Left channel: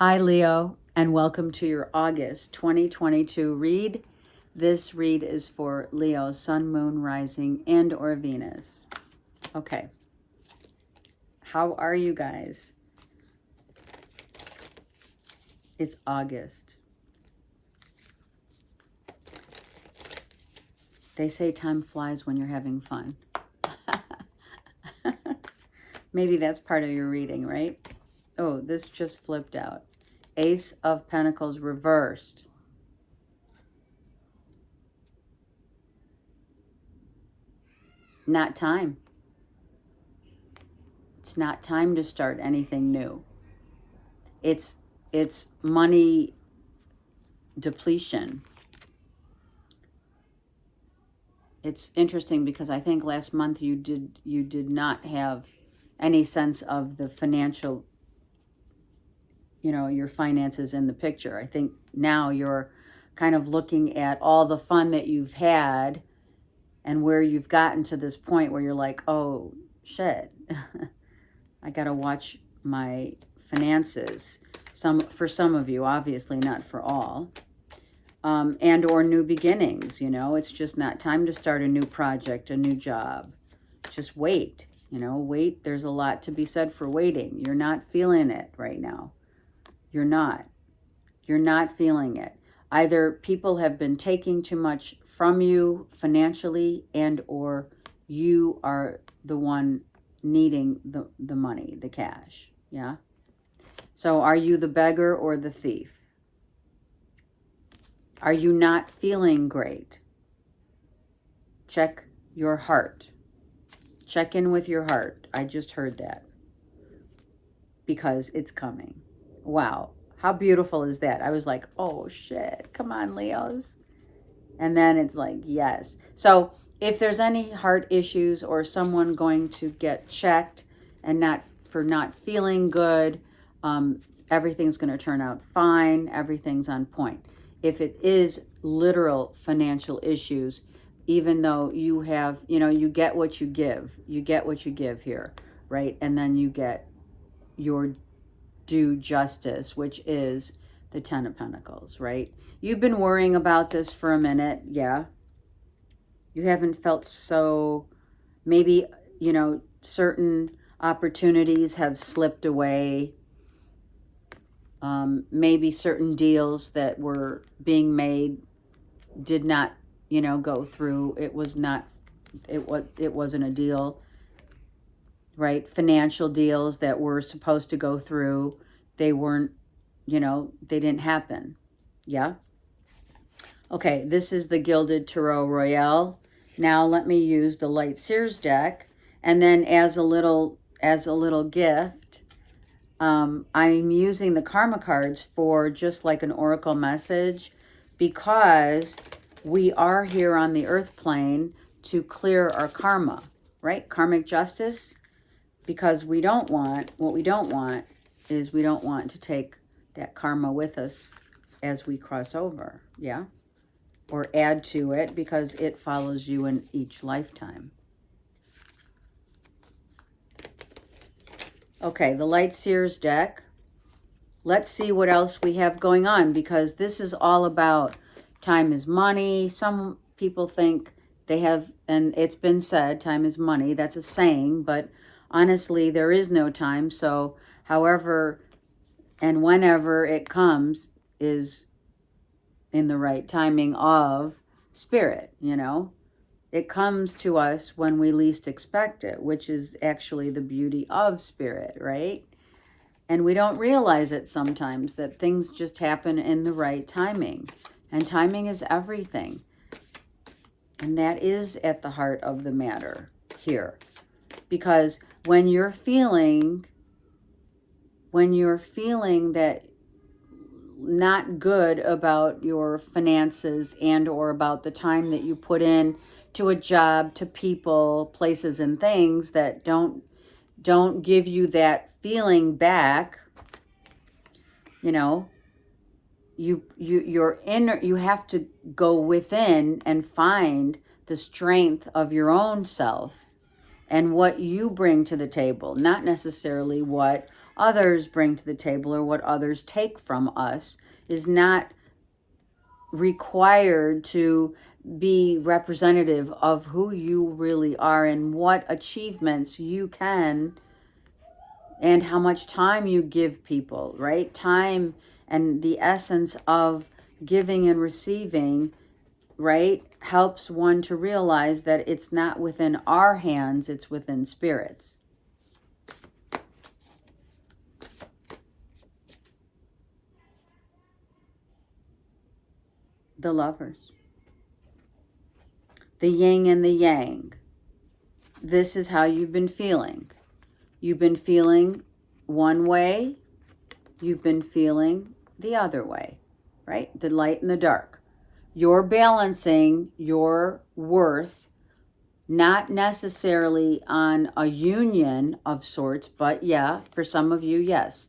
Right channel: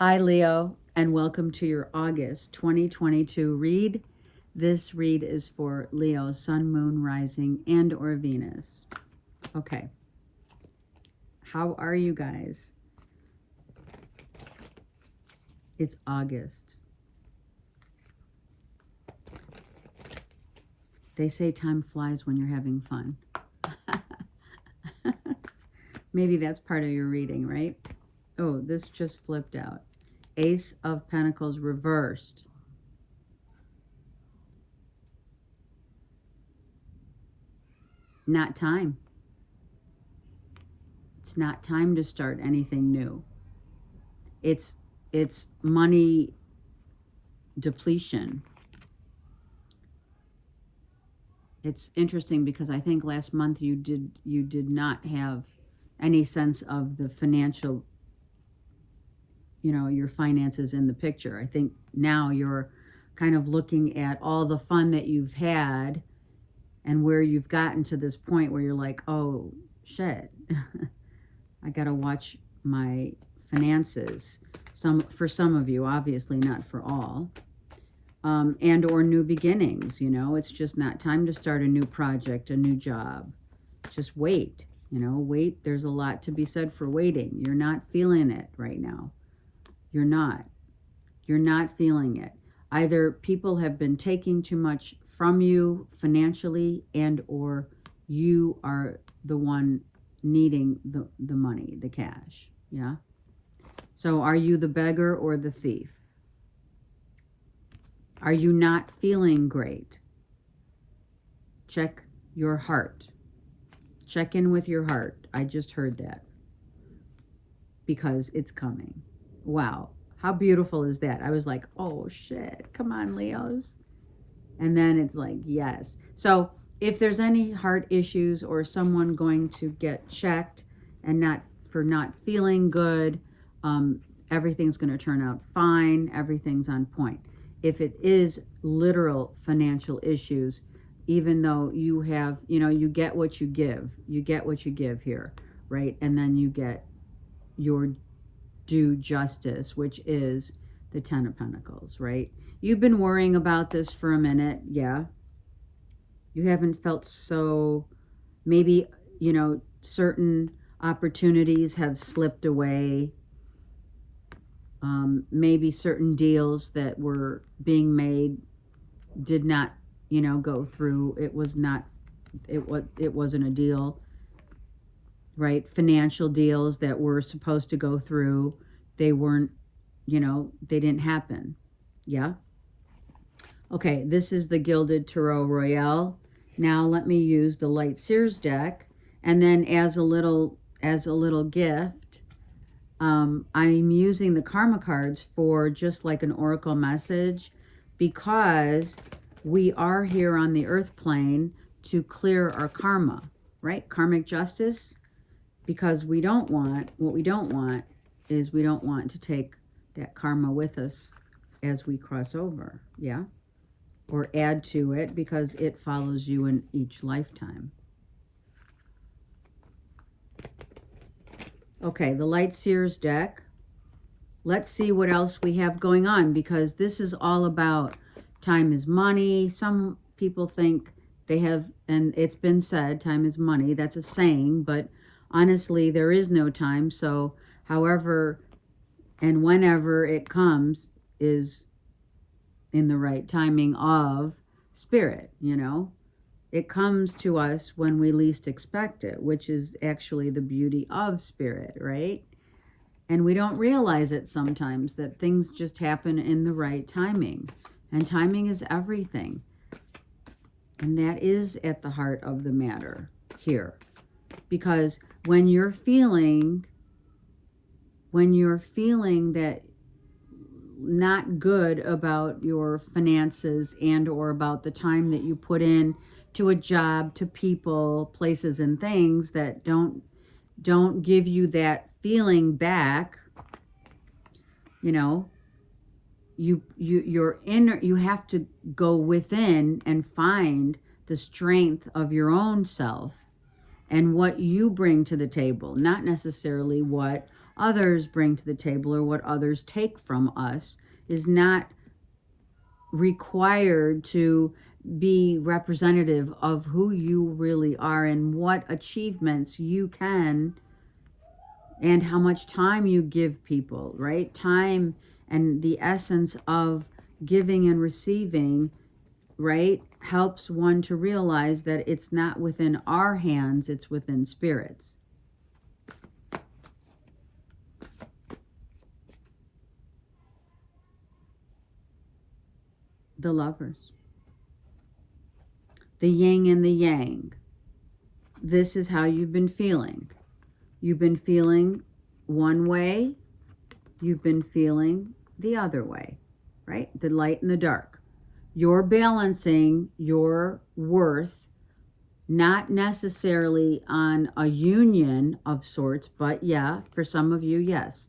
Hi, Leo, and welcome to your August 2022 read. This read is for Leo, Sun, Moon, Rising, and or Venus. Okay. How are you guys? It's August. They say time flies when you're having fun. Maybe that's part of your reading, right? Oh, this just flipped out. Ace of Pentacles reversed. Not time. It's not time to start anything new. It's money depletion. It's interesting because I think last month you did not have any sense of the financial, your finances in the picture. I think now you're kind of looking at all the fun that you've had and where you've gotten to this point where you're like, oh shit, I gotta watch my finances. For some of you, obviously not for all. And or new beginnings, it's just not time to start a new project, a new job. Just wait, wait. There's a lot to be said for waiting. You're not feeling it right now. You're not feeling it. Either people have been taking too much from you financially, and or you are the one needing the money, the cash. Yeah. So are you the beggar or the thief? Are you not feeling great? Check your heart. Check in with your heart. I just heard that. Because it's coming. Wow. How beautiful is that? I was like, oh shit. Come on, Leos. And then it's like, yes. So if there's any heart issues or someone going to get checked and not feeling good, everything's going to turn out fine. Everything's on point. If it is literal financial issues, even though you have, you get what you give. You get what you give here, right? And then you get your due justice, which is the Ten of Pentacles, right? You've been worrying about this for a minute, yeah. You haven't felt so, maybe, certain opportunities have slipped away. Maybe certain deals that were being made did not, go through. It wasn't a deal, right? Financial deals that were supposed to go through, they weren't, they didn't happen. Yeah. Okay, this is the Gilded Tarot Royale. Now let me use the Light Seers deck, and then as a little gift, I'm using the Karma cards for just like an oracle message, because we are here on the earth plane to clear our karma, right? Karmic justice, because what we don't want is we don't want to take that karma with us as we cross over, yeah? Or add to it, because it follows you in each lifetime. Okay, the Light Seers deck. Let's see what else we have going on, because this is all about time is money. Some people think they have, and it's been said, time is money. That's a saying, but honestly, there is no time. So however and whenever it comes is in the right timing of spirit, It comes to us when we least expect it, which is actually the beauty of spirit, right? And we don't realize it sometimes, that things just happen in the right timing. And timing is everything. And that is at the heart of the matter here. Because when you're feeling that not good about your finances and or about the time that you put in to a job, to people, places, and things that don't give you that feeling back, you have to go within and find the strength of your own self and what you bring to the table, not necessarily what others bring to the table or what others take from us is not required to be representative of who you really are and what achievements you can and how much time you give people, right? Time and the essence of giving and receiving, right, helps one to realize that it's not within our hands, it's within spirits. The Lovers. The yin and the yang. This is how you've been feeling. You've been feeling one way. You've been feeling the other way, right? The light and the dark. You're balancing your worth, not necessarily on a union of sorts, but yeah, for some of you, yes.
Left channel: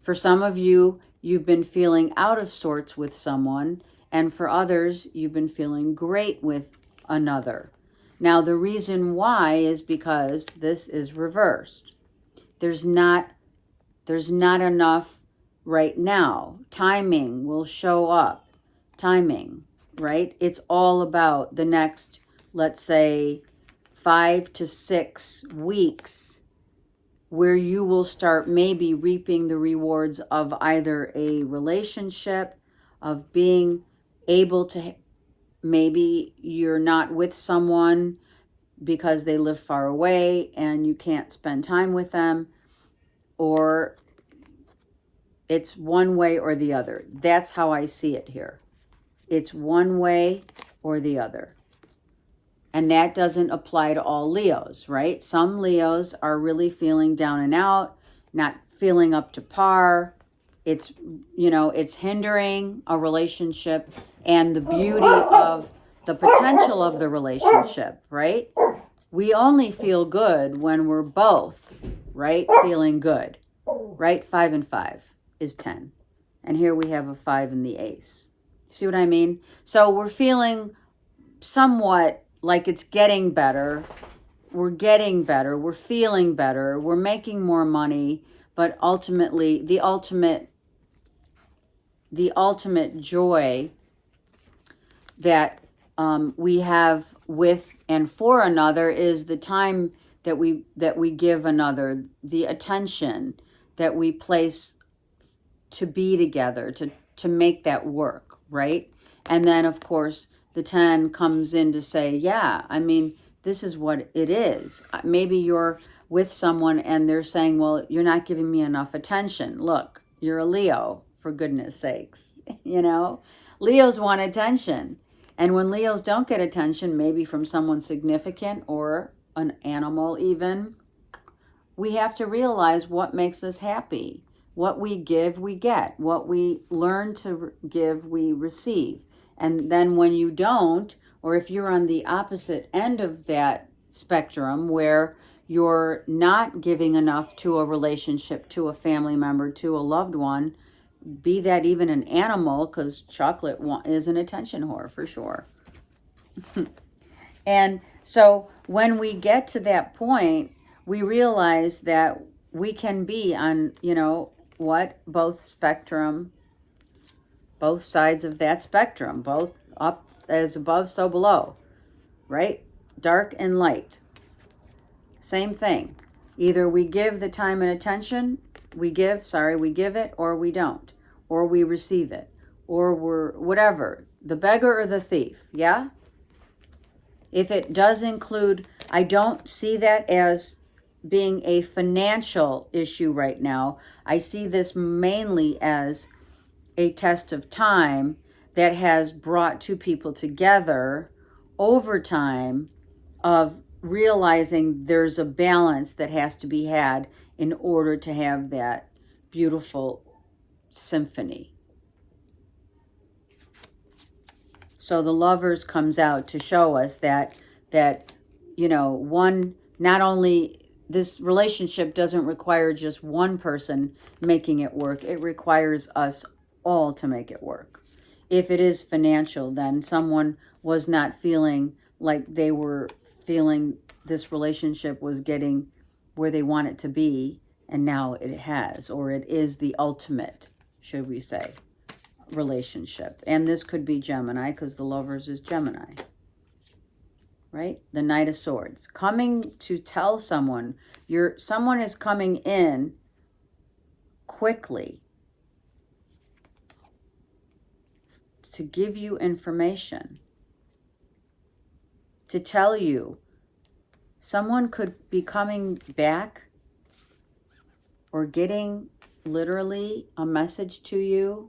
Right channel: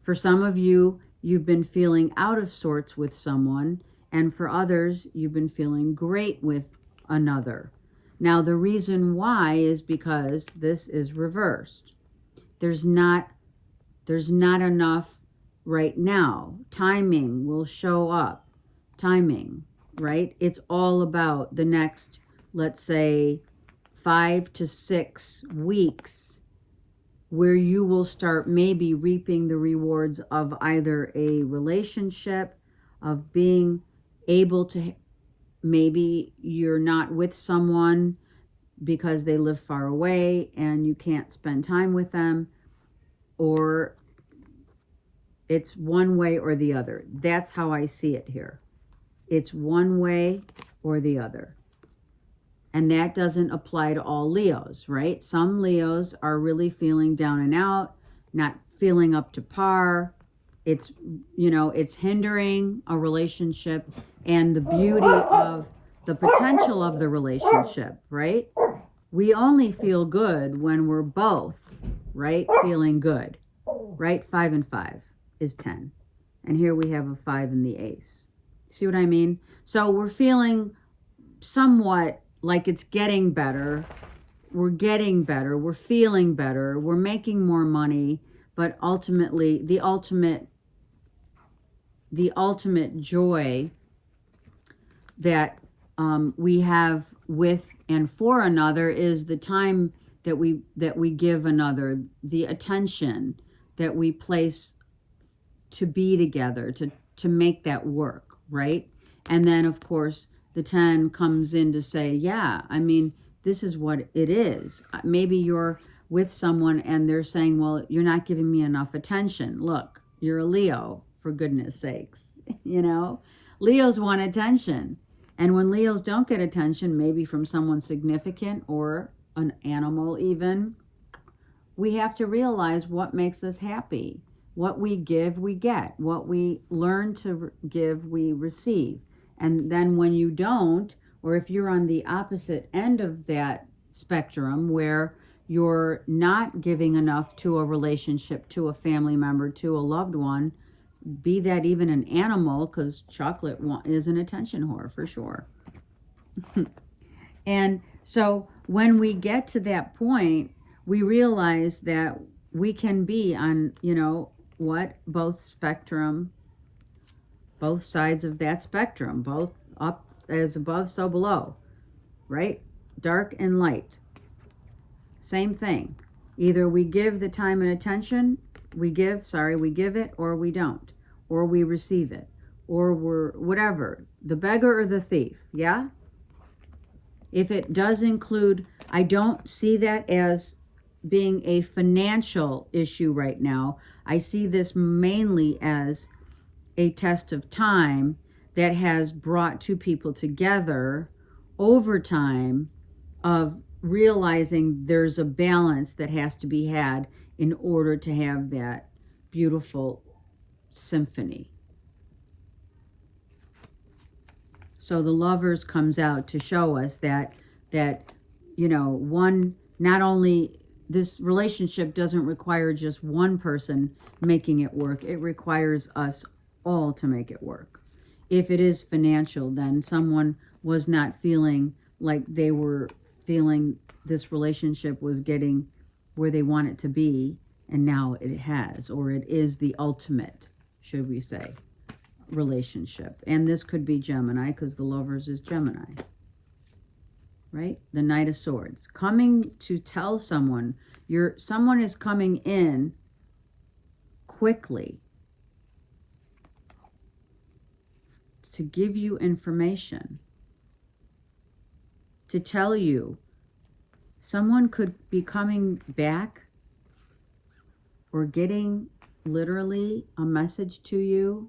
For some of you, you've been feeling out of sorts with someone, and for others, you've been feeling great with another. Now, the reason why is because this is reversed. There's not enough right now. Timing will show up. Timing, right? It's all about the next, let's say, 5 to 6 weeks where you will start maybe reaping the rewards of either a relationship, of being able to, maybe you're not with someone because they live far away and you can't spend time with them, or it's one way or the other. That's how I see it here. It's one way or the other. And that doesn't apply to all Leos, right? Some Leos are really feeling down and out, not feeling up to par. It's, it's hindering a relationship and the beauty of the potential of the relationship, right? We only feel good when we're both, right, feeling good, right? 5 and 5 is 10. And here we have a 5 in the ace. See what I mean? So we're feeling somewhat like it's getting better. We're getting better. We're feeling better. We're making more money. But ultimately, the ultimate joy that we have with and for another is the time that we give another, the attention that we place to be together, to make that work, right? And then, of course, the 10 comes in to say, yeah, I mean, this is what it is. Maybe you're with someone and they're saying, well, you're not giving me enough attention. Look, you're a Leo, for goodness sakes. Leos want attention. And when Leos don't get attention, maybe from someone significant or an animal even, we have to realize what makes us happy. What we give, we get. What we learn to give, we receive. And then when you don't, or if you're on the opposite end of that spectrum where you're not giving enough to a relationship, to a family member, to a loved one, be that even an animal, because chocolate is an attention whore for sure. And so when we get to that point, we realize that we can be on, both sides of that spectrum, both up as above, so below, right? Dark and light. Same thing. Either we give the time and attention, we give it, or we don't, or we receive it, or we're whatever, the beggar or the thief, yeah? If it does include, I don't see that as being a financial issue right now. I see this mainly as a test of time that has brought two people together over time of realizing there's a balance that has to be had in order to have that beautiful symphony. So the Lovers comes out to show us that one, not only this relationship doesn't require just one person making it work, it requires us all to make it work. If it is financial, then someone was not feeling like they were feeling this relationship was getting where they want it to be, And now it has, or it is the ultimate, should we say, relationship. And this could be Gemini, because the Lovers is Gemini. Right? The Knight of Swords. Coming to tell someone, someone is coming in quickly to give you information, to tell you. Someone could be coming back or getting literally a message to you,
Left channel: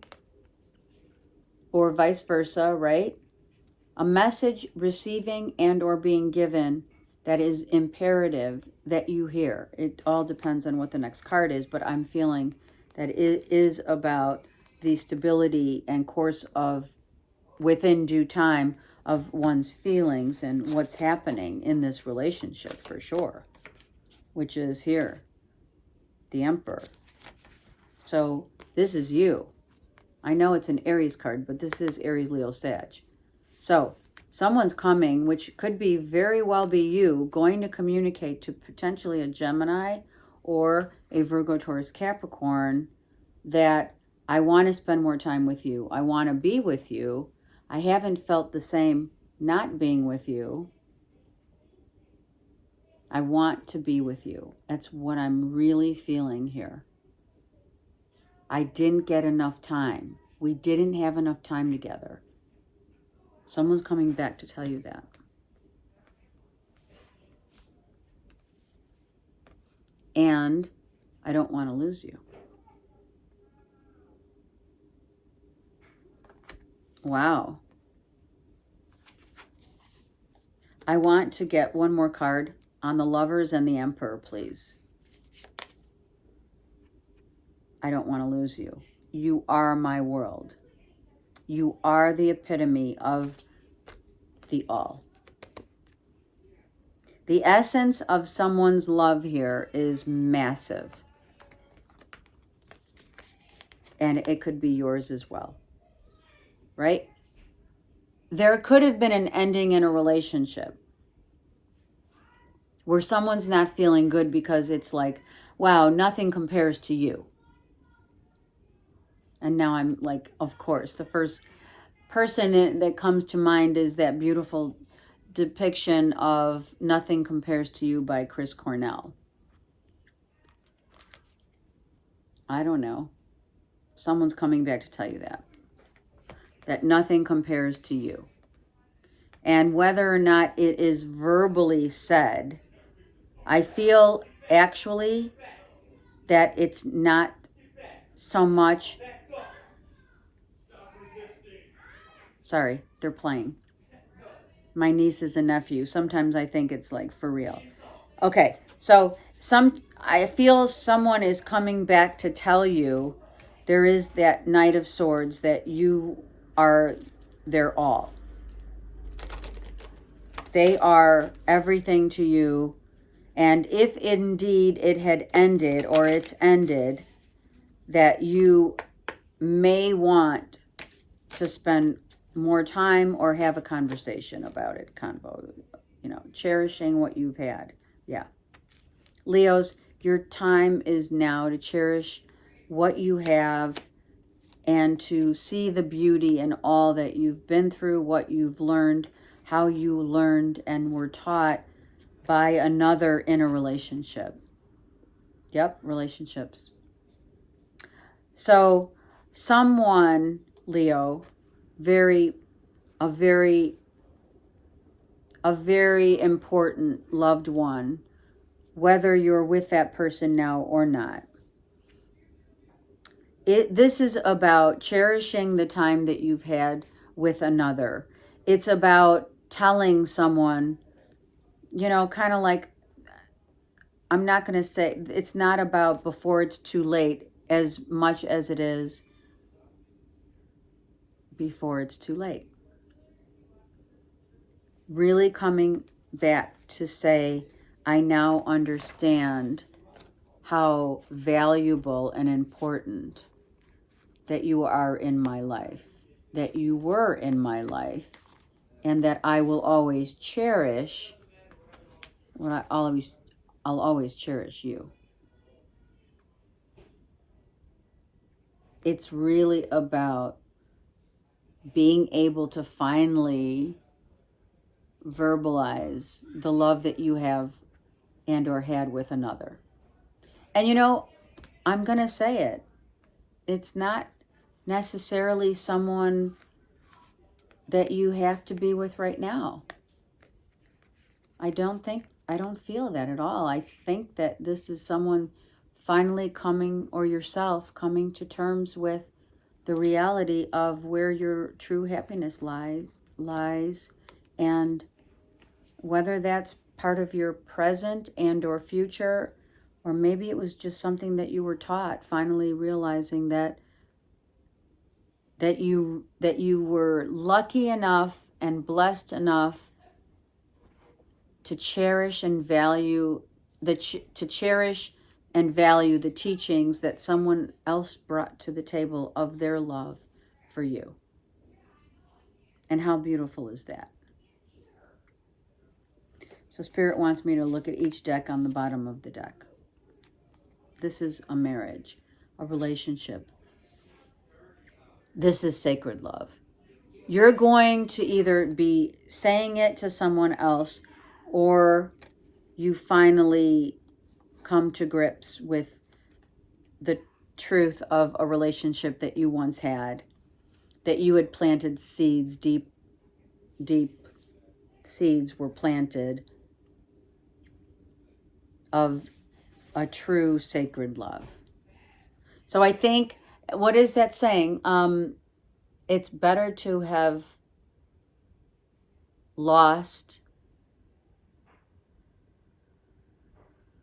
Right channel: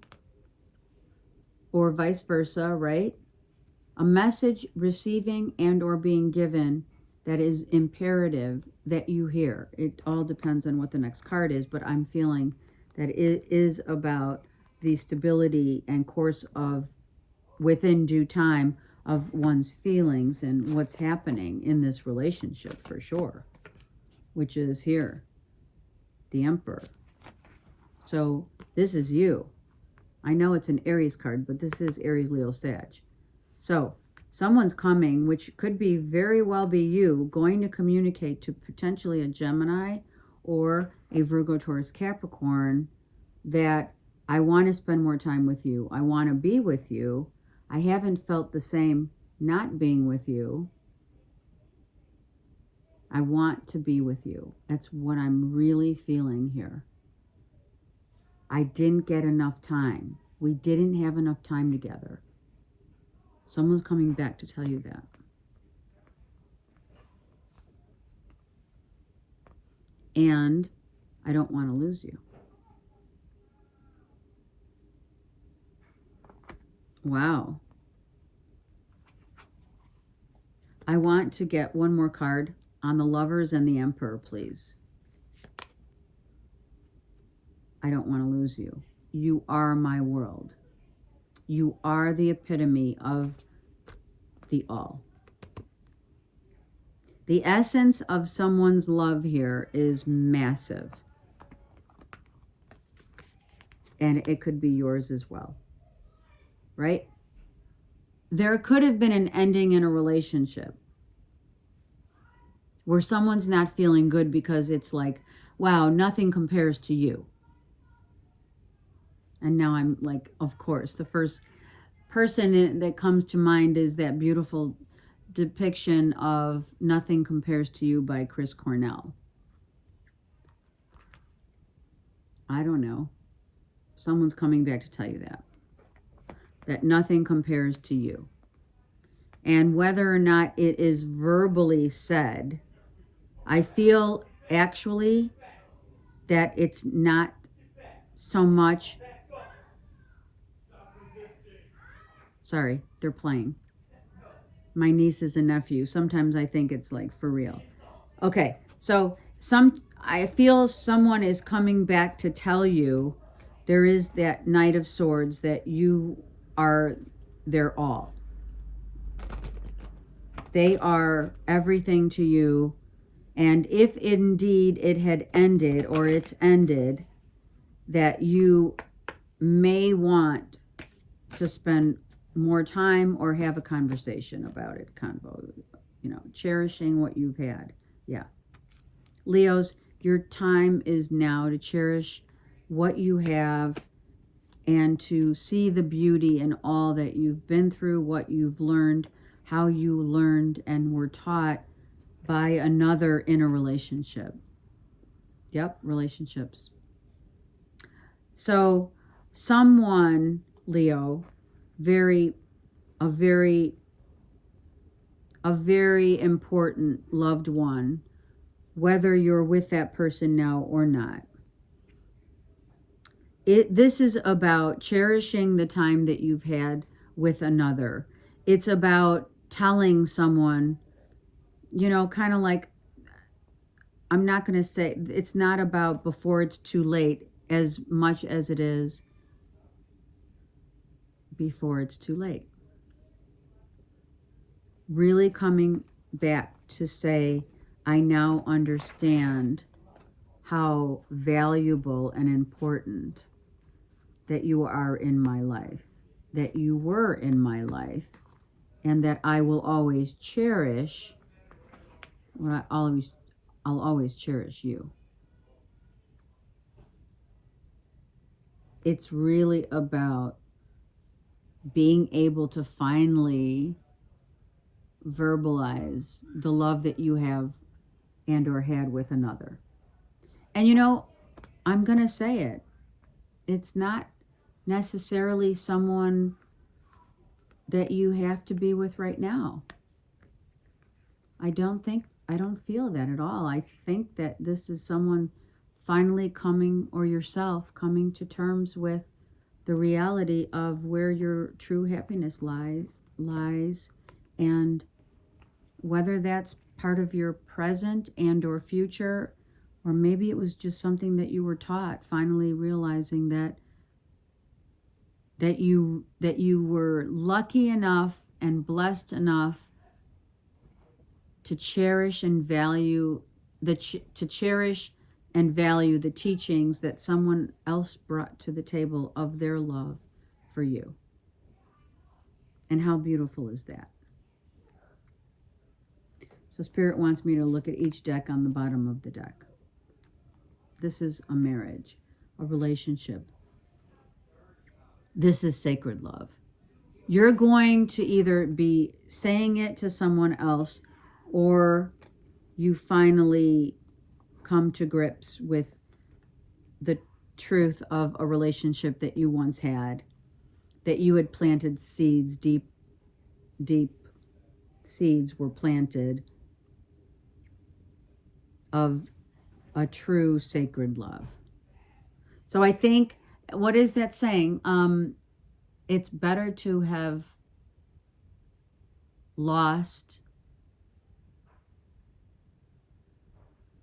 or vice versa, right? A message receiving and or being given that is imperative that you hear. It all depends on what the next card is, but I'm feeling that it is about the stability and course of, within due time, of one's feelings and what's happening in this relationship for sure, which is here, the Emperor. So this is you. I know it's an Aries card, but this is Aries, Leo, Sag. So someone's coming, which could be very well be you, going to communicate to potentially a Gemini or a Virgo, Taurus, Capricorn, that I want to spend more time with you. I want to be with you. I haven't felt the same not being with you. I want to be with you. That's what I'm really feeling here. I didn't get enough time. We didn't have enough time together. Someone's coming back to tell you that. And I don't want to lose you. Wow. I want to get one more card on the Lovers and the Emperor, please. I don't want to lose you. You are my world. You are the epitome of the all. The essence of someone's love here is massive. And it could be yours as well. Right? There could have been an ending in a relationship where someone's not feeling good because it's like, wow, nothing compares to you. And now I'm like, of course, the first person that comes to mind is that beautiful depiction of Nothing Compares to You by Chris Cornell. I don't know. Someone's coming back to tell you that nothing compares to you. And whether or not it is verbally said, I feel actually that it's not so much. Sorry, they're playing. My nieces and nephew. Sometimes I think it's like for real. Okay, so I feel someone is coming back to tell you there is that Knight of Swords, that you are their all. They are everything to you. And if indeed it had ended, or it's ended, that you may want to spend more time or have a conversation about it. Cherishing what you've had. Yeah. Leos, your time is now to cherish what you have and to see the beauty in all that you've been through, what you've learned, how you learned and were taught by another in a relationship. Yep, relationships. So someone, Leo, a very important loved one, whether you're with that person now or not. This is about cherishing the time that you've had with another. It's about telling someone, kind of like, I'm not going to say, it's not about before it's too late as much as it is before it's too late. Really coming back to say, I now understand how valuable and important that you are in my life, that you were in my life, and that I will always cherish I'll always cherish you. It's really about being able to finally verbalize the love that you have and or had with another. And I'm going to say it. It's not necessarily someone that you have to be with right now. I don't feel that at all. I think that this is someone finally coming, or yourself coming to terms with the reality of where your true happiness lies, and whether that's part of your present and or future, or maybe it was just something that you were taught, finally realizing that you were lucky enough and blessed enough to cherish and value the teachings that someone else brought to the table of their love for you. And how beautiful is that? So Spirit wants me to look at each deck on the bottom of the deck. This is a marriage, a relationship. This is sacred love. You're going to either be saying it to someone else, or you finally come to grips with the truth of a relationship that you once had, that you had planted seeds, deep seeds were planted of a true sacred love. So I think, what is that saying? It's better to have lost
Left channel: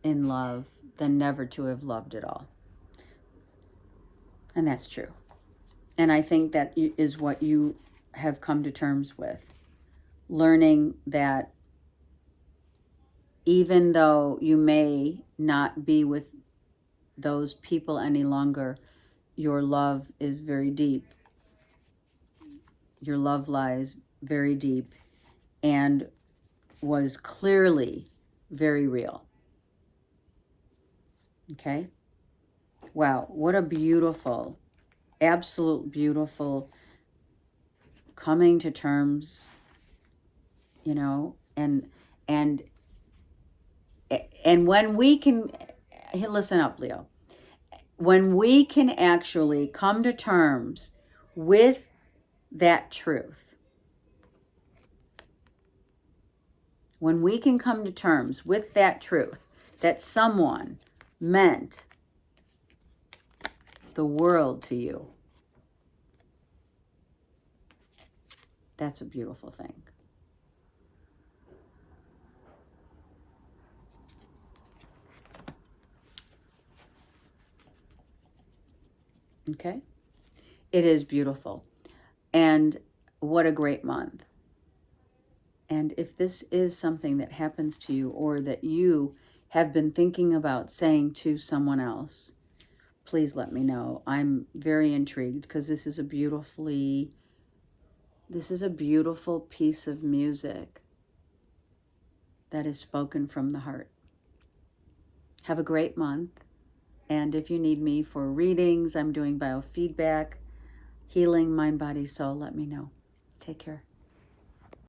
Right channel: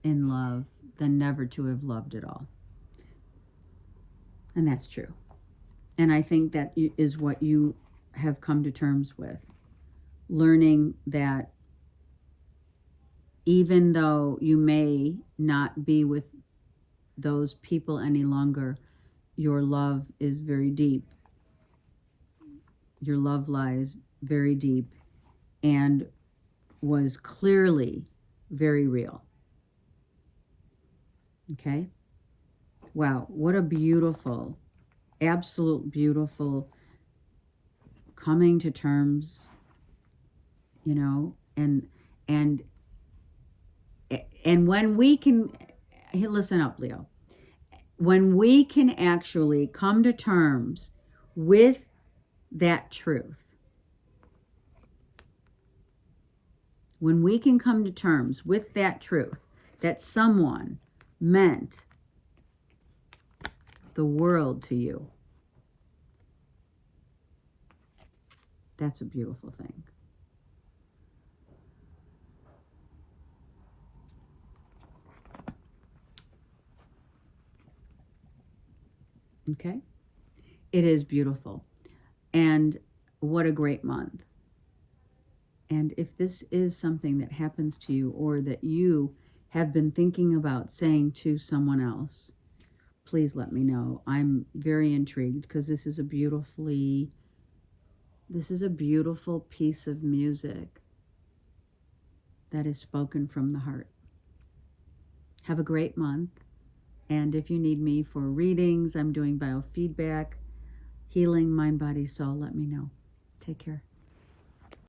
in love than never to have loved at all. And that's true. And I think that is what you have come to terms with. Learning that even though you may not be with those people any longer, your love is very deep. Your love lies very deep and was clearly very real. Okay? Wow, what a beautiful, absolute beautiful coming to terms, and when we can, listen up, Leo, when we can actually come to terms with that truth, when we can come to terms with that truth, that someone meant the world to you, that's a beautiful thing. Okay? It is beautiful. And what a great month. And if this is something that happens to you, or that you have been thinking about saying to someone else, please let me know. I'm very intrigued, because this is a beautiful piece of music that is spoken from the heart. Have a great month. And if you need me for readings, I'm doing biofeedback, healing, mind, body, soul, let me know. Take care.